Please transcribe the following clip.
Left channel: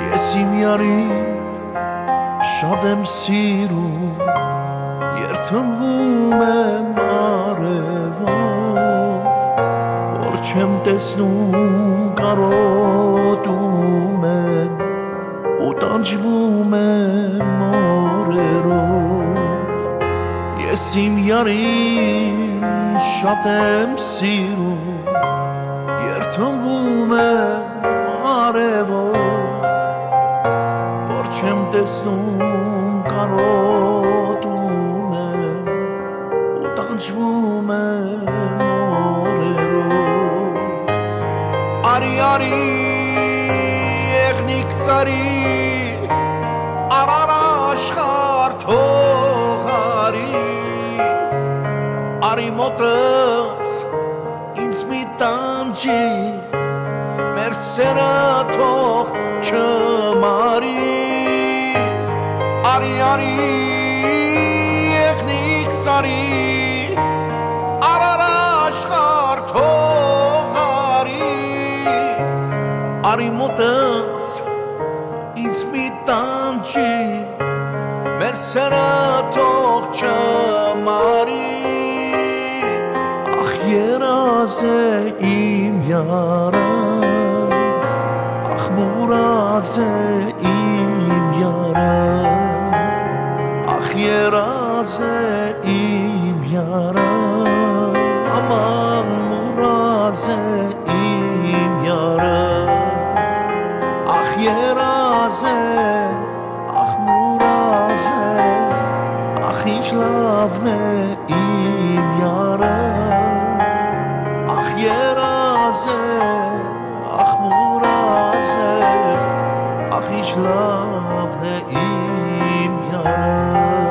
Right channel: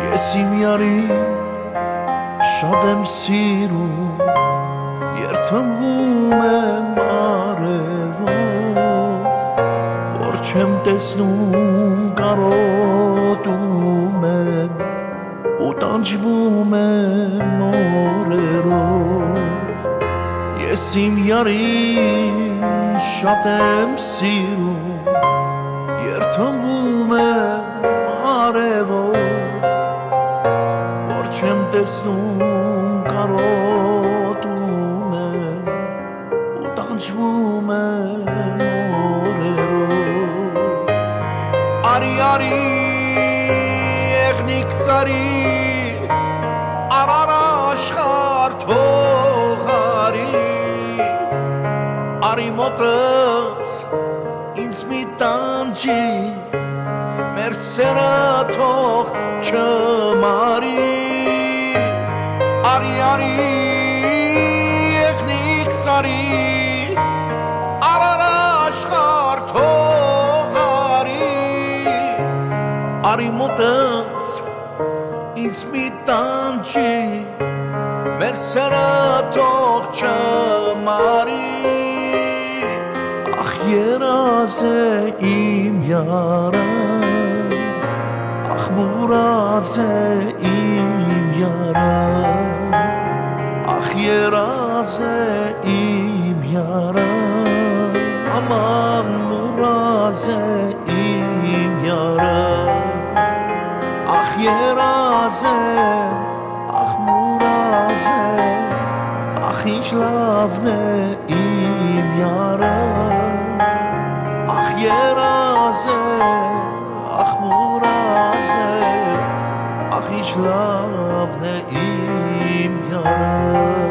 Ես իմ յարին շատ եմ սիրում, երթմվում եմ արևով, որ չեմ տեսնում կարոտում եմ ու տանջվում եմ օրերով Ես իմ յարին շատ եմ սիրում, երթմվում եմ արևով որ չեմ տեսնում կարոտում եմ ու տանջվում եմ օրերով Արի արի եղնիկ սարի արար աշխարհ թող արի Արի մոտս ինձ մի տանջի մեր սերը թող չմարի Արի արի եղնիկ սարի արար աշխարհ թող արի Արի մոտս ինձ մի տանջի մեր սերը թող չմարի Ախ երազ է իմ յարը Ախ մուրազ է իմ յարը Ախ երազ է իմ յարը Աման մուրազ է իմ յարը Ախ երազ է, ախ մուրազ է Ախ ինչ լավն է իմ յարը Ախ երազ է, ախ մուրազ է Ախ ինչ լավն է իմ յարը